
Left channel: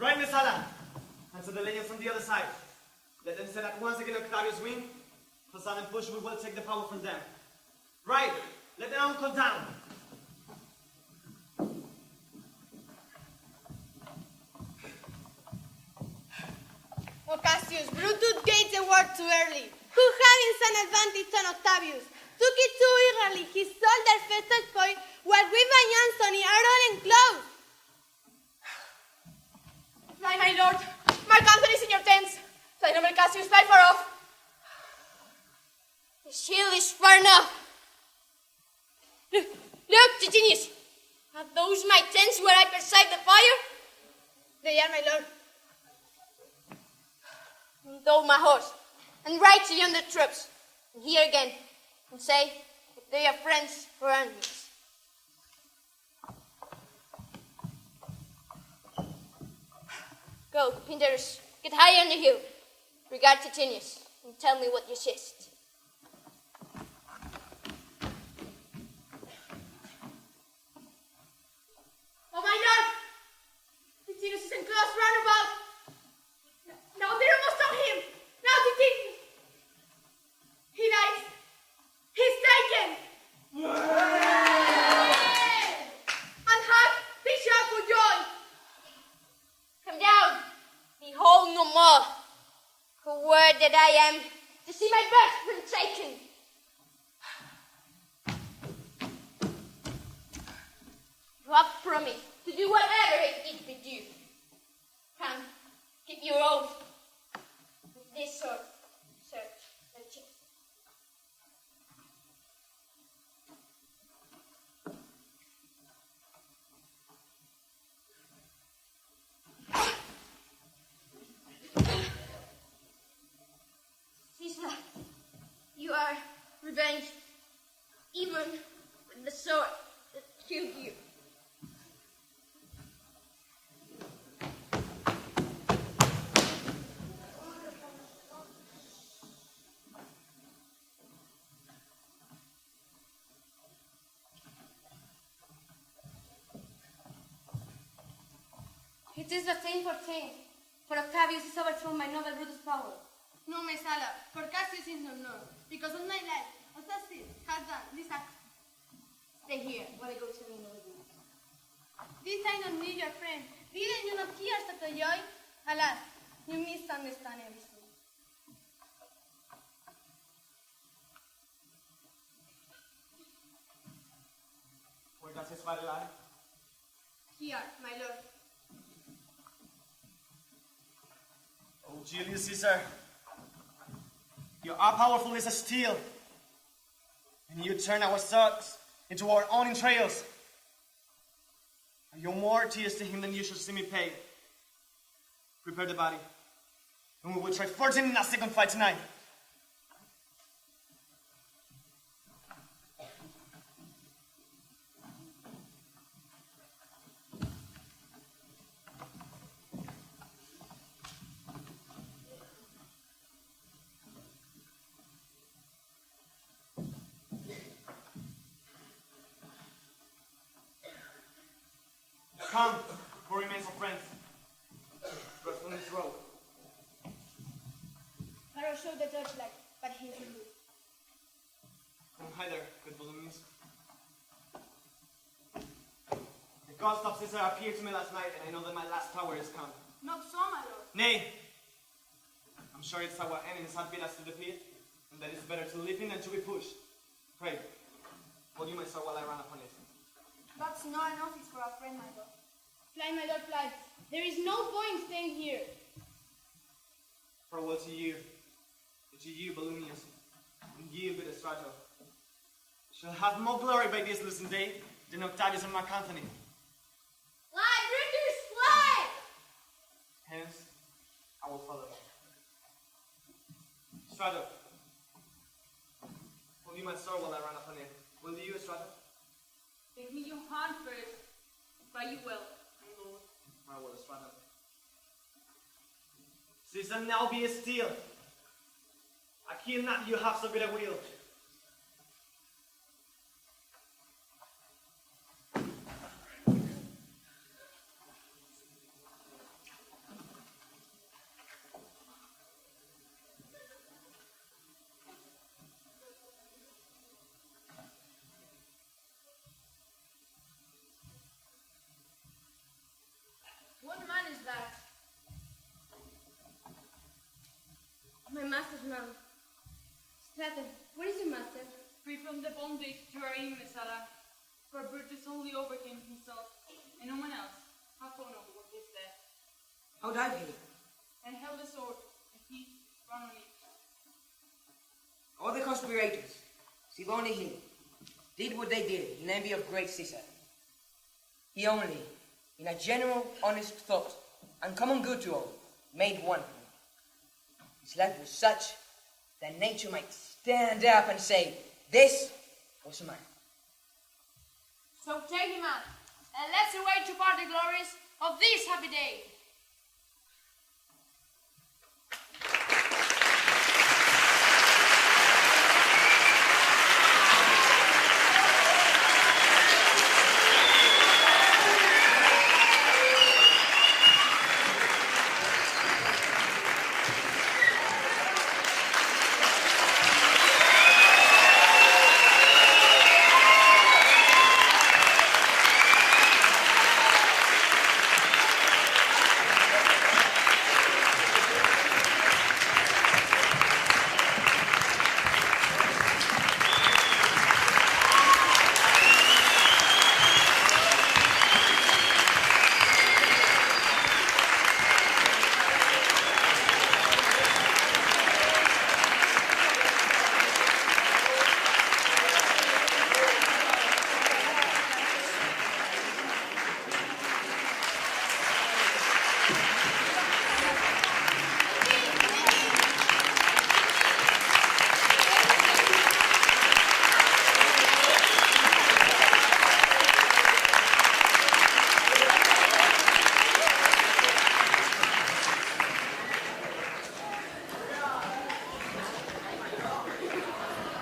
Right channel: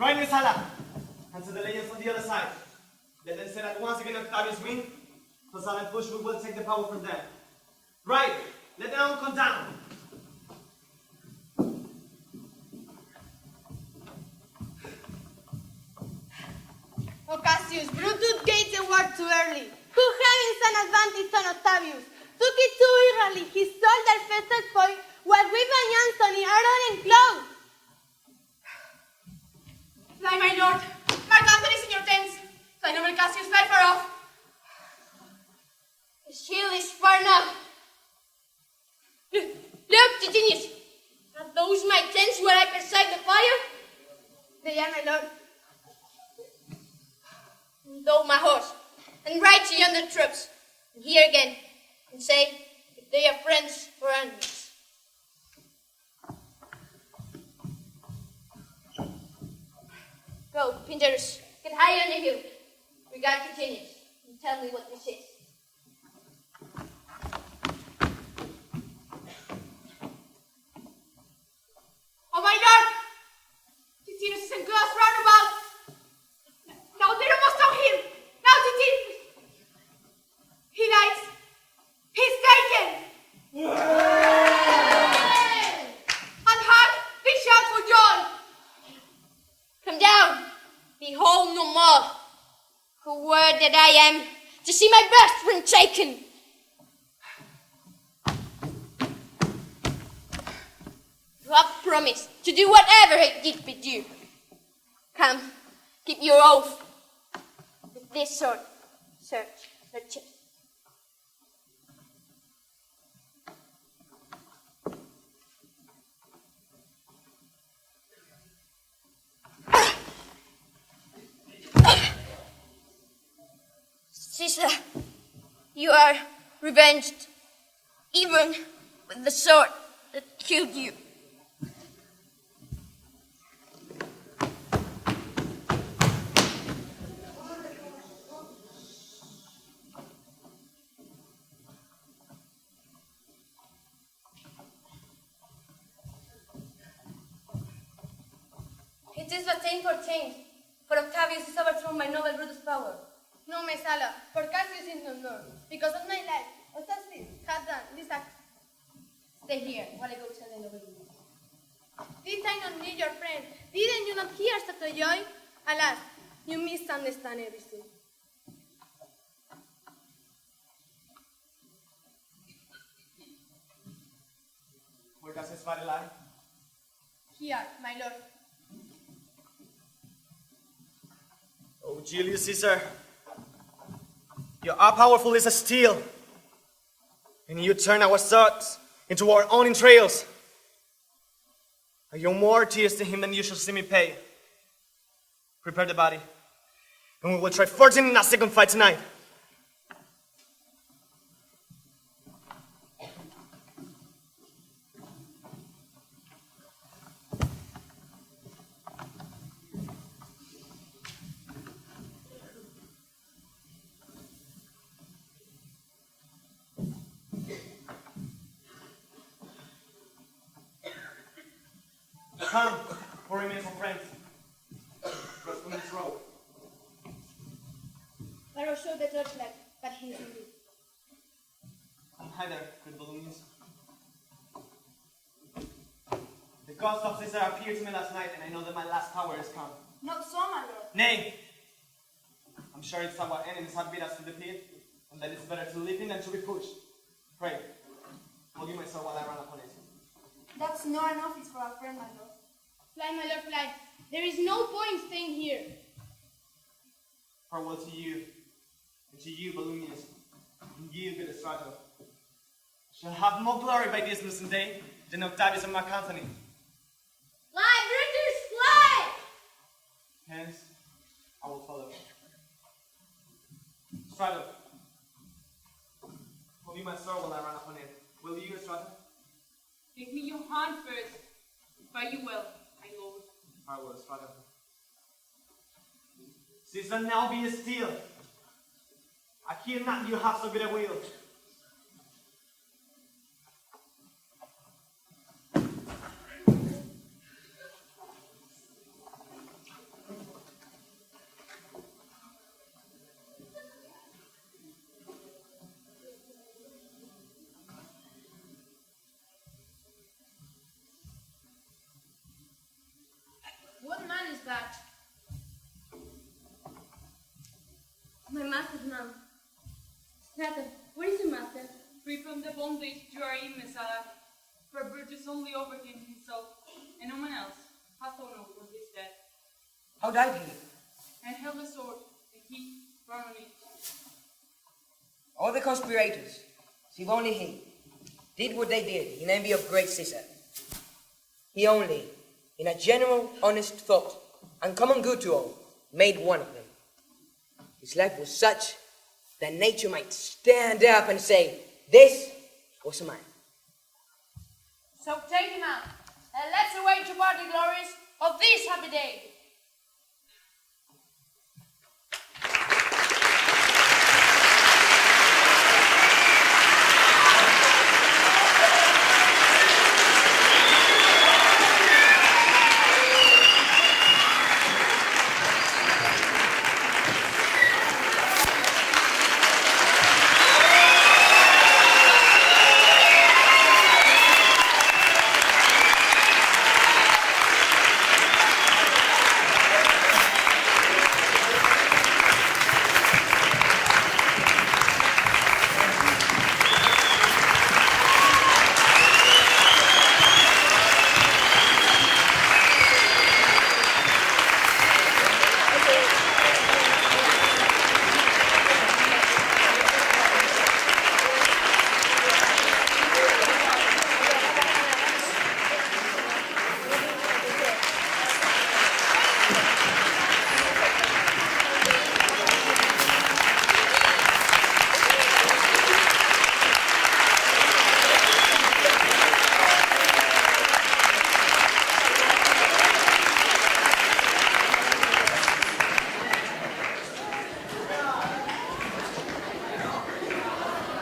Right, Miss Hala. Answer the legends from the other side. Let them say that once again Octavius win, the sudden push we will take the power from them. Right, let them all come down. O Cassius, Brutus gave the word too early. Who having some advantage on Octavius, took it too eagerly. He saw their festal point, while we by Anthony are all enclosed. Fly, my lord. Mark Antony is in your tents. Fly, noble Cassius, fly far off. The shield is far enough. Look, Titinius. Are those my tents where I preside the fire? They are, my lord. Undoe my horse, and ride to yonder troops, and here again, and say if they are friends or enemies. Go, Pinderus, get higher on the hill. Regard Titinius, and tell me what you seest. Oh, my lord! Titinus is enclosed round about. Now Tiro must stop him. Now Titinus. He lies. He's taken. And hark, they shout for joy. Come down, behold no more. Who word that I am to see my birthright taken. You have promised to do whatever it did bid you. Come, keep your oath. With this sword, search the chest. Caesar, you are revenged, even with the sword that killed you. It is but 10 for 10, for Octavius is overthrown by noble Brutus' power. No, my Sala, for Cassius is no more. Because of my life, Octavius had done this act. Stay here while I go tell the noble. This I not need your friend. Didn't you not hear such a joy? Alas, you misunderstand everything. Where does his body lie? Here, my lord. Oh, Julius Caesar, you are powerful as a steel, and you turn our swords into our own entrails. I owe more tears to him than you shall see me pay. Prepare the body, and we will try fortune in our second fight tonight. Come, poor remains of friends. Cross from this road. Pharaoh showed the torchlight, but he's rude. Come hither, good balloons. The ghost of Caesar appeared to me last night, and I know that my last hour has come. Not so, my lord. Nay! I'm sure it's our enemies had beat us to the pit, and that it's better to leap in than to be pushed. Pray, hold you my sword while I run upon it. That's not an office for our friend, my lord. Fly, my lord, fly. There is no point staying here. Farewell to you, and to you, Balloonius, and you, good Strato. Shall have more glory by this lucent day than Octavius and Mark Antony. Fly, Brutus, fly! Hence, I will follow. Strato, hold you my sword while I run upon it. Will you, Strato? Give me your hand first. Fare you well, my lord. Farewell, Strato. Caesar, now be still. I kill not you have so good a will. What man is that? My master's man. Strato, where is your master? Free from the bondage you are in, Mesala. For Brutus only overcame himself, and no one else hath honor with his death. How died he? And held a sword, and he ran on it. All the conspirators, save only he, did what they did in envy of great Caesar. He only, in a general, honest thought, and common good to all, made one of them. His life was such that nature might stand up and say, this was a man. So take him out, and let's await to part the glories of this happy day.